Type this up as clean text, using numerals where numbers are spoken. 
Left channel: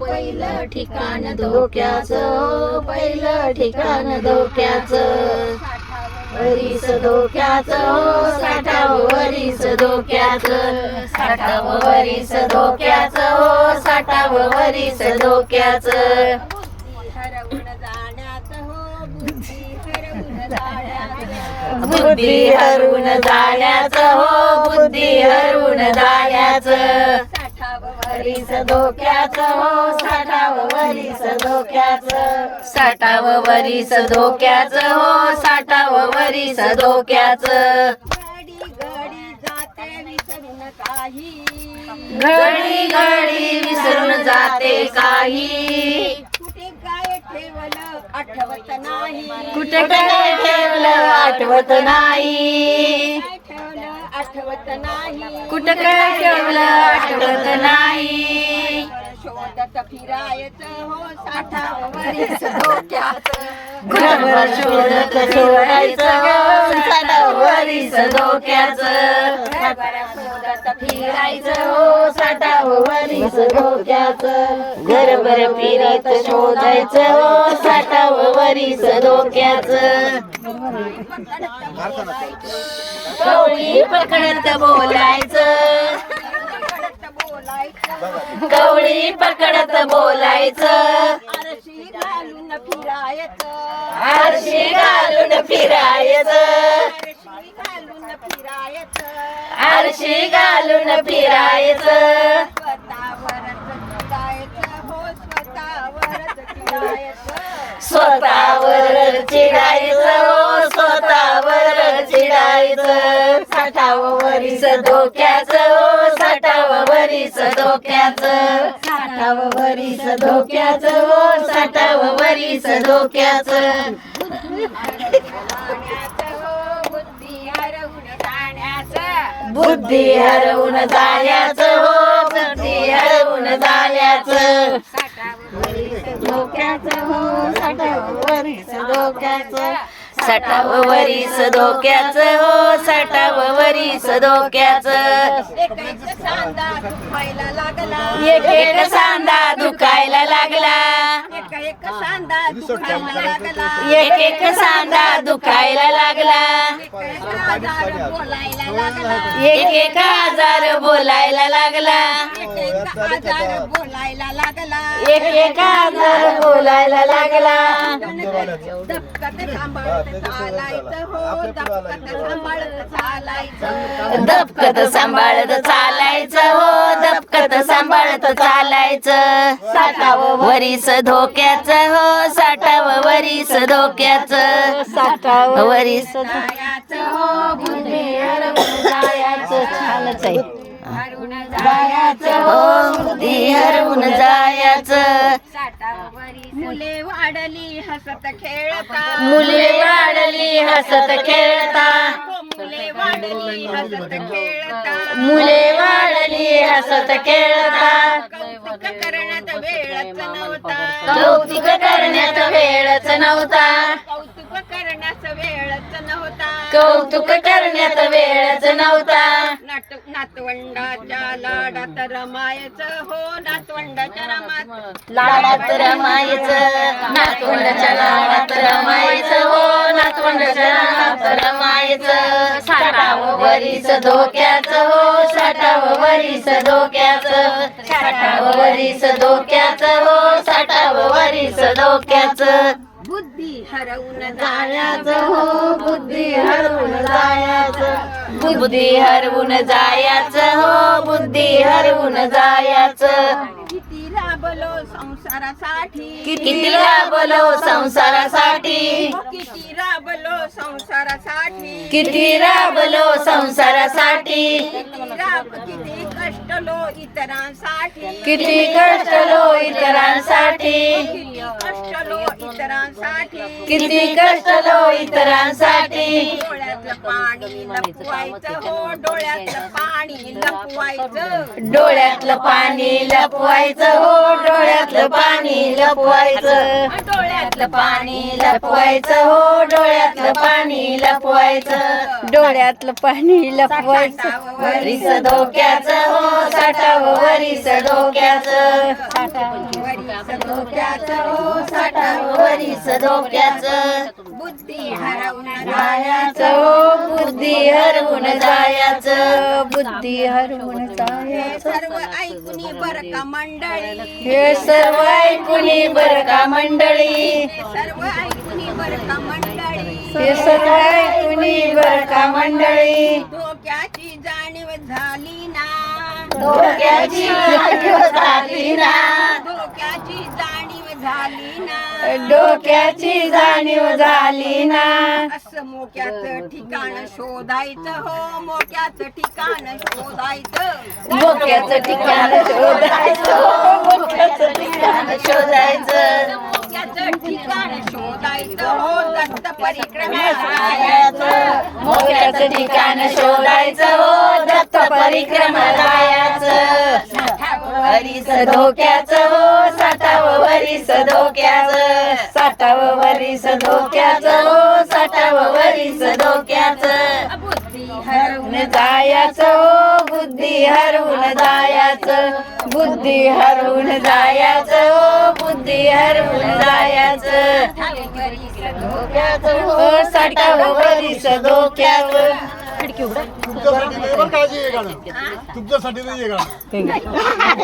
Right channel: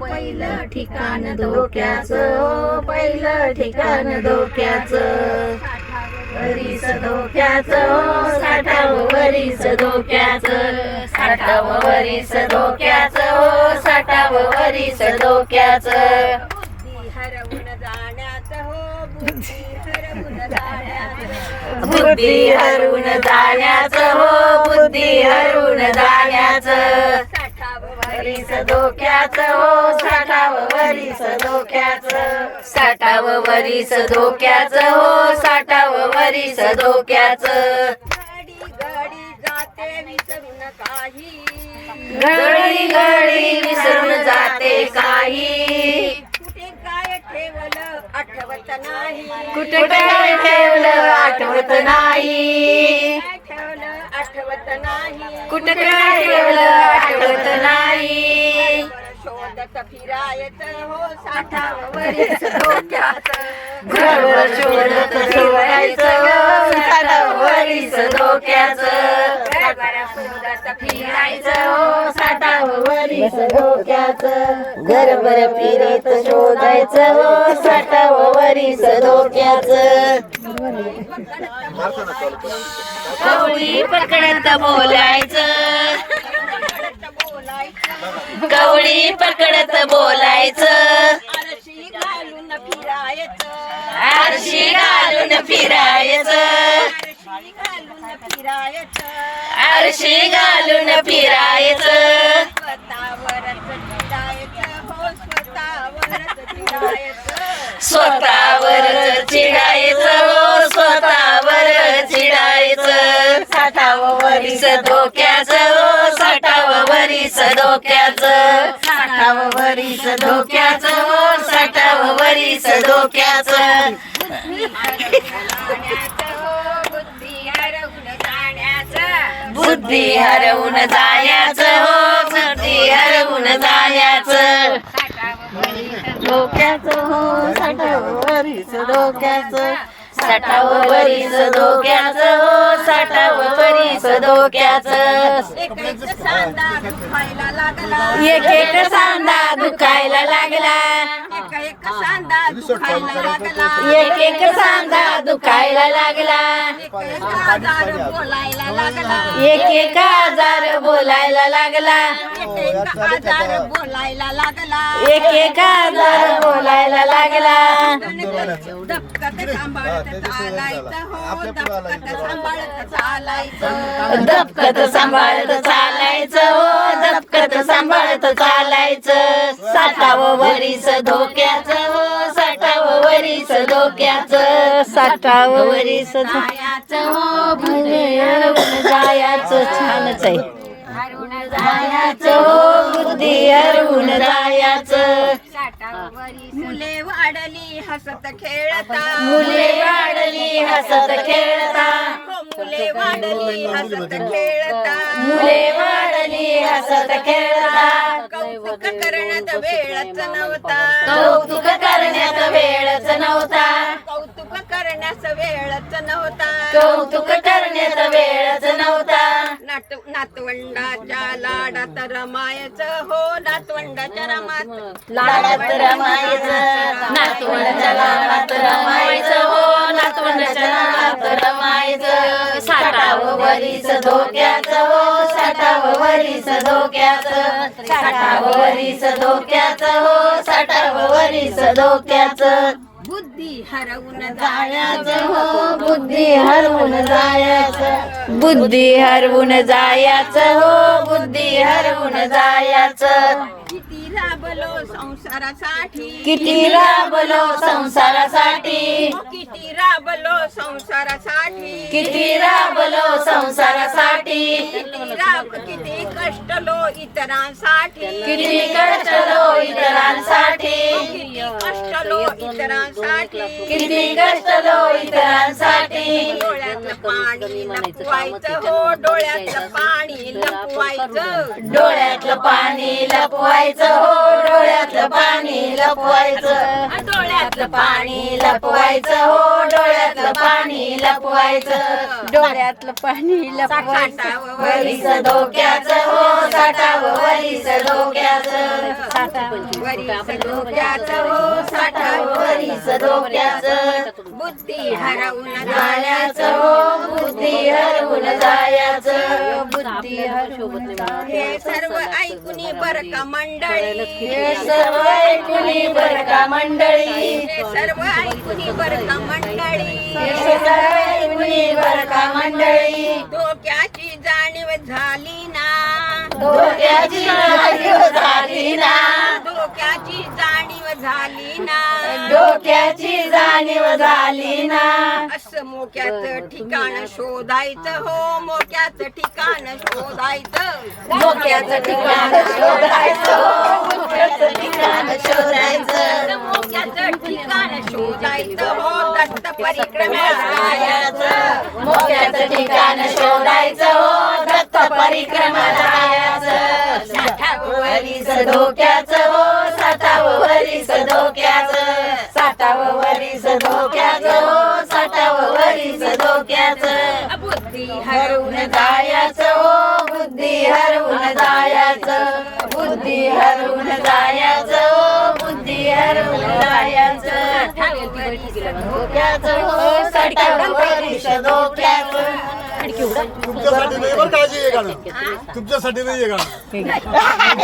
पहिलं ठिकाण धोक्याचं, पहिलं ठिकाण धोक्याचं, वरीस धोक्याचं, साठावं वरीस धोक्याचं, साठावं वरीस धोक्याचं, साठावं वरीस धोक्याचं. बुद्धी हरून जाण्याचं हो, बुद्धी हरून जाण्याचं, वरीस धोक्याचं हो, साठावं वरीस धोक्याचं, साठावं वरीस धोक्याचं हो, साठावं वरीस धोक्याचं. घडी जाते विसरून काही, घडी घडी विसरून जाते काही, कुठे काय ठेवलं आठवत नाही, कुठे काय ठेवलं आठवत नाही, काय ठेवलं आठवत नाही, कुठे काय ठेवलं आठवत नाही. शोधत फिरायचं हो, साठावं वरीस धोक्याचं, घरभर शोधत शोधायचं हो, साठावं वरीस धोक्याचं, शोधत फिरायचं हो, साठावं वरीस धोक्याचं, घरभर फिरत शोधायचं हो, साठावं वरीस धोक्याचं. कवळी पकडत बोलायचं, कवळी पकडत बोलायचं, आरशी घालून फिरायचं, आरशी घालून फिरायचं, आरशी घालून फिरायचं, आरशी घालून फिरायचं, स्वतःवरच चिडायचं हो, स्वतःवर स्वतःवर चिडायचं, चिडायचं, स्वतःवर चिडायचं, साठावं वरीस धोक्याचं हो, साठावं वरीस धोक्याचं, साठावं वरीस धोक्याचं हो, साठावं वरीस धोक्याचं. बुद्धी हरवून जाण्याचं, बुद्धी हरवून जाण्याचं हो, बुद्धी हरवून जाण्याचं, धोक्याचं हो, साठावं वरीस धोक्याचं, साठावं वरीस धोक्याचं हो, साठावं वरीस धोक्याचं. एक एक सांदा दुखायला लागला, एक एक सांदा दुखायला लागला, एक एक सांदा दुखायला लागला, एक एक सांदा दुखायला लागला, एक आजार बोलायला लागला, एक एक आजार बोलायला लागला, एक आजार बोलायला लागला, एक एक आजार बोलायला लागला. दपकत सांभाळत चालायचं हो, दपकत सांभाळत चालायचं, दपकत सांभाळत चालायचं हो, दपकत सांभाळत चालायचं, साठावं वरीस धोक्याचं हो, साठावं वरीस धोक्याचं, साठावं वरीस जायाचं हो, बुद्धी हरवून जायाचं. छानच आहे. हरवून जायाचं हो, बुद्धी हरवून जायाचं, मुले वाढली हसत खेळता, मुले वाढली हसत खेळता, हो, मुले वाढली हसत खेळता, मुले वाढली हसत खेळता, कौतुक करण्यात वेळच नव्हता, कौतुक करण्यात वेळच नव्हता, कौतुक करण्यास वेळच नव्हता, कौतुक करण्यात वेळच नव्हता, नातवंडाच्या लाडात रमायचं हो, नातवंडाच्या लाडात रमायचं, नातवंडाच्या लाडात रमायचं हो, नातवंडाच्या लाडात रमायचं, साठावं वरीस धोक्याचं हो, साठावं वरीस धोक्याचं, साठावं वरीस धोक्याचं हो, साठावं वरीस धोक्याचं. बुद्धी हरवून जायाचं हो, बुद्धी हरवून जायाचं, बुद्धी हरवून जायाचं हो, बुद्धी हरवून जायाचं. किती राबलो संसारासाठी, किती राबलो संसारासाठी, किती राबलो संसारासाठी, किती राबलो संसारासाठी, किती कष्टलो इतरांसाठी, किती कष्टलो इतरांसाठी, किती कष्टलो इतरांसाठी, किती कष्टलो इतरांसाठी, डोळ्यात डोळ्यातलं पाणी लपवायचं हो डोळ्यातलं पाणी लपवायचं डोळ्यातलं पाणी लपवायचं हो डोळ्यातलं पाणी लपवायचं डोळ्यातलं पाणी लपवायचं हो डोळ्यातलं पाणी लपवायचं डोळ्यातलं पाणी लपवायचं वरीस धोक्याचं हो साठावं वरीस धोक्याचं वरीस डोक्याचं हो साठावं वरीस धोक्याचं बुद्धी हरवून जायाचं हो बुद्धी हरवून जायाचं बुद्धी हरवून हे जायचं. सर्व ऐकून बर का मंडळी हे सर्व ऐकुनी बर का मंडळी हे सर्व ऐकून बर का मंडळी हे सर्व ऐकुनी बर का मंडळी डोक्याची जाणीव झाली ना धोक्याची जाणीव झाली ना डोक्याची जाणीव झाली ना डोक्याची जाणीव झाली ना असं मोक्याचं ठिकाण शोधायचं हो मोक्याचं ठिकाण शोधायचं धोक्याचं ठिकाण शोधायचं हो धोक्याचं ठिकाण शोधायचं मोक्याचं ठिकाण शोधायचं हो दत्त परिक्रमा जायचं धोक्याचं ठिकाण शोधायचं हो दत्त परिक्रमा जायचं साठावं वरीस धोक्याचं हो साठावं वरीस धोक्याचं साठावं वरीस धोक्याचं हो साठावं वरीस धोक्याचं बुद्धी हरवून जायाचं हो बुद्धी हरवून जायाचं बुद्धी हरवून जायाचं हो बुद्धी हरवून जायाचं धोक्याचं हो साठावं वरीस धोक्याचं तुमच्यासाठी नाही बरं काळजी आहे गाणं तुमच्यासाठी नाही आहे गाणं